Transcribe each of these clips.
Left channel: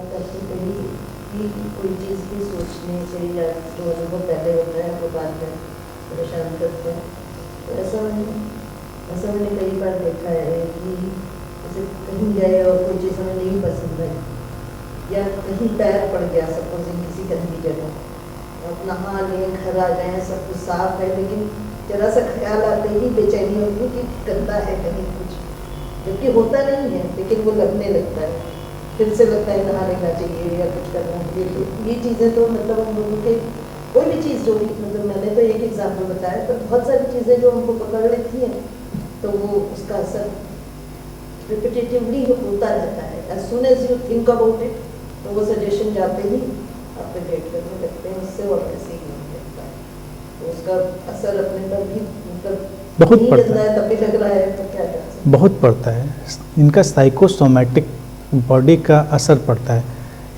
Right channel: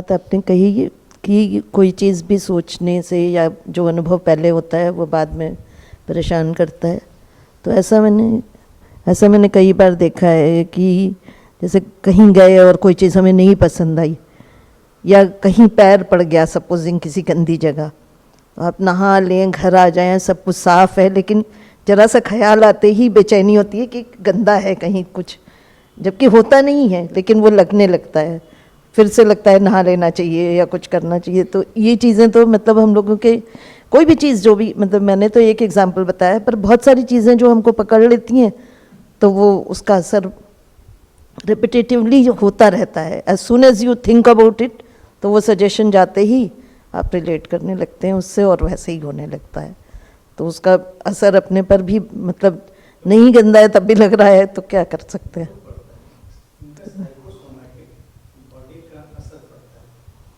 बात आपने कही कि कोई चीज़ भी सोचने से या जो अनुभव पहले होता है वो बाद में परेशान करता है। तो ऐसा मैंने कई बार देखा है कि जैसे कहीं गए और कोई चीज़ हमें नहीं पसंद आई, या कहीं पैर पड़ गया सपोजिंग किसी गंदी जगह, आप नहा लें, घर आ जाएं, सब कुछ साफ़ है, लेकिन ज़रा सा ख्याल आते ही बेचैनी होती है कि गंदा है कहीं कुछ, जबकि होता नहीं है, लेकिन वो लगने लगता है, फिर से लगता है नहा लेना चाहिए या कुछ करना चाहिए। तो ये चीज़ें तो मतलब हम लोगों के कोई भी चीज़ जो भी, मतलब मैंने तो एक एग्जांपल बताया, पर बहुत सारी चीज़ें जो हमको पकड़ लेती हैं तो वो उसका असर रिपीटेटिवली होता रहता है। As soon as you think about it, तो वो सजेशन जाते ही आप रिलेट करने लगते हैं उससे और वैसे ही होने लगता है। तो उसका असर अपने पर भी मतलब नहीं गंदा है तब भी लग रहा है, तो क्या कर सकते हैं। बहुत पड़ता है, इनका साइकोसोमैटिक बॉडी का असर पड़ता है।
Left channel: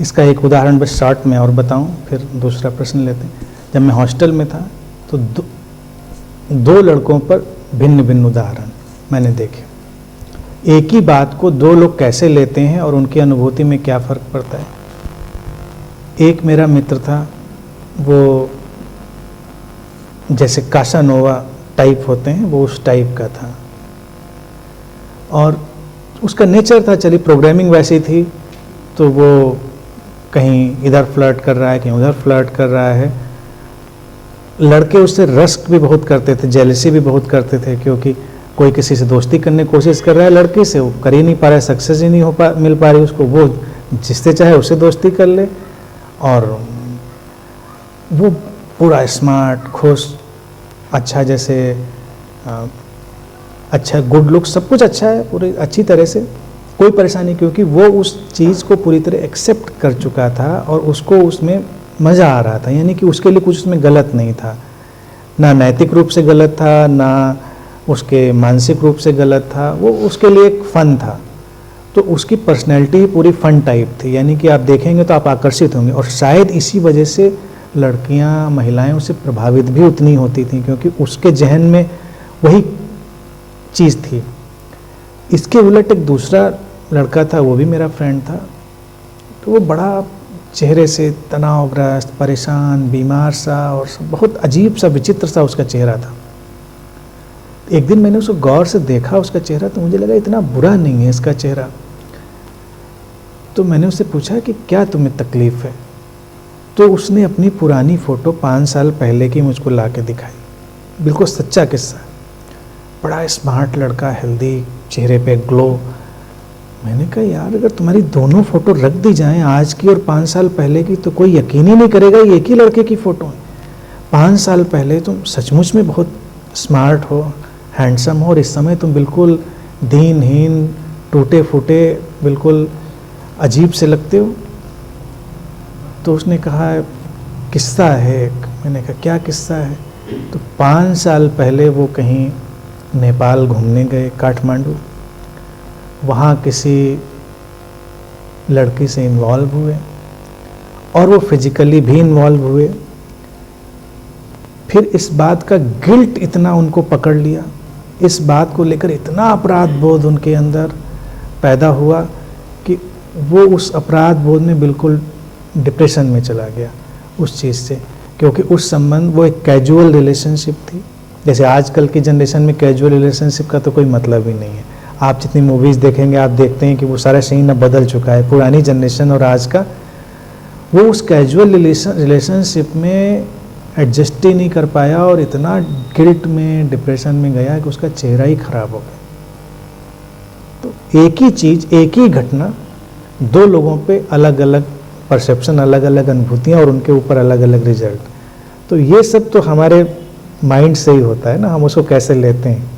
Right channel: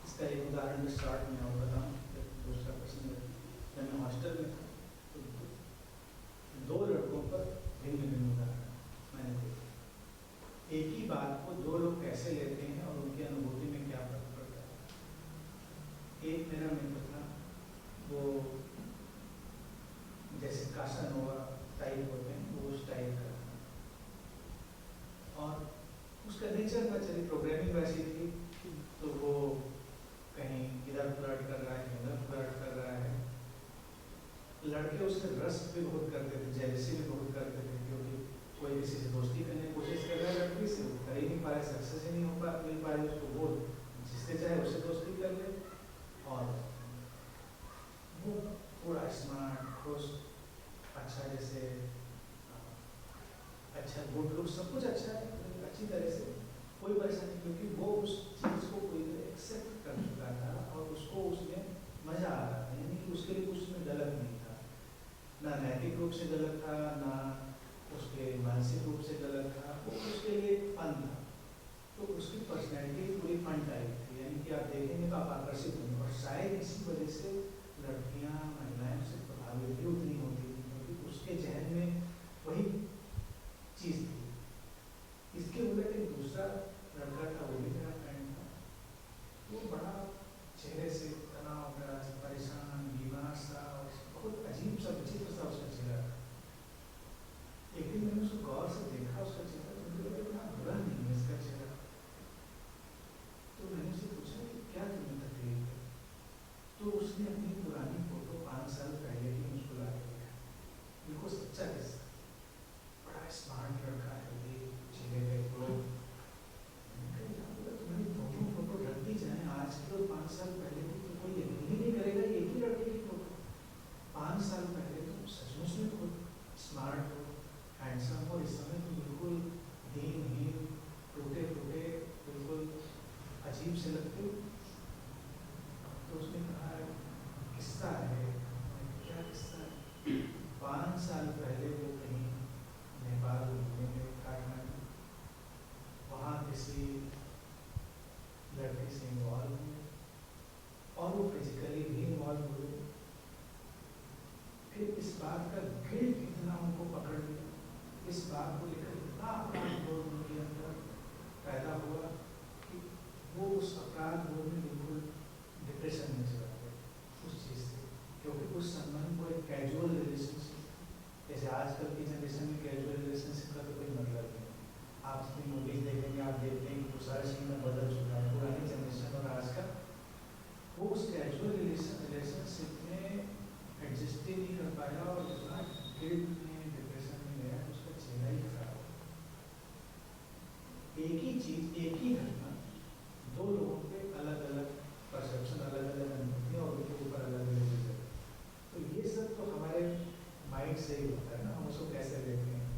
इसका एक उदाहरण बस शॉर्ट में और बताऊं, फिर दूसरा प्रश्न लेते हैं। जब मैं हॉस्टल में था तो दो लड़कों पर भिन्न भिन्न उदाहरण मैंने देखे। एक ही बात को दो लोग कैसे लेते हैं और उनकी अनुभूति में क्या फ़र्क पड़ता है। एक मेरा मित्र था, वो जैसे कासानोवा टाइप होते हैं वो उस टाइप का था, और उसका नेचर था, चलिए प्रोग्रामिंग वैसी थी, तो वो कहीं इधर फ्लर्ट कर रहा है, कहीं उधर फ्लर्ट कर रहा है। लड़के उससे रस्क भी बहुत करते थे, जेलसी भी बहुत करते थे, क्योंकि कोई किसी से दोस्ती करने की कोशिश कर रहा है लड़की से, वो कर ही नहीं पा रहा है, सक्सेस ही नहीं मिल पा रही उसको, वो जिससे चाहे उससे दोस्ती कर ले, और वो पूरा स्मार्ट, खुश, अच्छा, जैसे अच्छा, गुड लुक, सब कुछ अच्छा है, पूरी अच्छी तरह से, कोई परेशानी, क्योंकि वो उस चीज़ को पूरी तरह एक्सेप्ट कर चुका था और उसको उसमें मज़ा आ रहा था, यानी कि उसके लिए कुछ उसमें गलत नहीं था, ना नैतिक रूप से गलत था, ना उसके मानसिक रूप से गलत था, वो उसके लिए एक फ़न था। तो उसकी पर्सनैलिटी ही पूरी फ़न टाइप थी, यानी कि आप देखेंगे तो आप आकर्षित होंगे, और शायद इसी वजह से लड़कियां, महिलाएं उससे प्रभावित भी उतनी होती थीं, क्योंकि उसके जहन में वही चीज़ थी। इसके उलट एक दूसरा लड़का था, वो भी मेरा फ्रेंड था, तो वो बड़ा चेहरे से तनावग्रस्त, परेशान, बीमार सा, और बहुत अजीब सा, विचित्र सा उसका चेहरा था। एक दिन मैंने उसको गौर से देखा, उसका चेहरा, तो मुझे लगा इतना बुरा नहीं है इसका चेहरा। तो मैंने उससे पूछा कि क्या तुम्हें तकलीफ़ है, तो उसने अपनी पुरानी फ़ोटो 5 साल पहले की मुझको ला के दिखाई। बिल्कुल सच्चा किस्सा, बड़ा स्मार्ट लड़का, हेल्दी, चेहरे पे ग्लो। मैंने कहा यार, अगर तुम्हारी दोनों फ़ोटो रख दी जाएं, आज की और 5 साल पहले की, तो कोई यकीन ही नहीं करेगा ये एक ही लड़के की फ़ोटो है। 5 साल पहले तुम सचमुच में बहुत स्मार्ट हो, हैंडसम हो, और इस समय तुम बिल्कुल दीनहीन, टूटे फूटे, बिल्कुल अजीब से लगते हो। तो उसने कहा किस्सा है एक। मैंने कहा क्या किस्सा है? तो 5 साल पहले वो कहीं नेपाल घूमने गए, काठमांडू, वहाँ किसी लड़की से इन्वॉल्व हुए, और वो फिजिकली भी इन्वॉल्व हुए। फिर इस बात का गिल्ट इतना उनको पकड़ लिया, इस बात को लेकर इतना अपराध बोध उनके अंदर पैदा हुआ कि वो उस अपराध बोध में बिल्कुल डिप्रेशन में चला गया उस चीज़ से, क्योंकि उस संबंध, वो एक कैजुअल रिलेशनशिप थी। जैसे आजकल की जनरेशन में कैजुअल रिलेशनशिप का तो कोई मतलब ही नहीं है। आप जितनी मूवीज़ देखेंगे, आप देखते हैं कि वो सारा सीन अब बदल चुका है, पुरानी जनरेशन और आज का। वो उस कैजुअल रिलेशनशिप में एडजस्ट ही नहीं कर पाया, और इतना गिल्ट में, डिप्रेशन में गया कि उसका चेहरा ही खराब हो गया। तो एक ही चीज़, एक ही घटना, दो लोगों पे अलग अलग परसेप्शन, अलग अलग अनुभूतियाँ, और उनके ऊपर अलग अलग रिजल्ट। तो ये सब तो हमारे माइंड से ही होता है ना, हम उसको कैसे लेते हैं।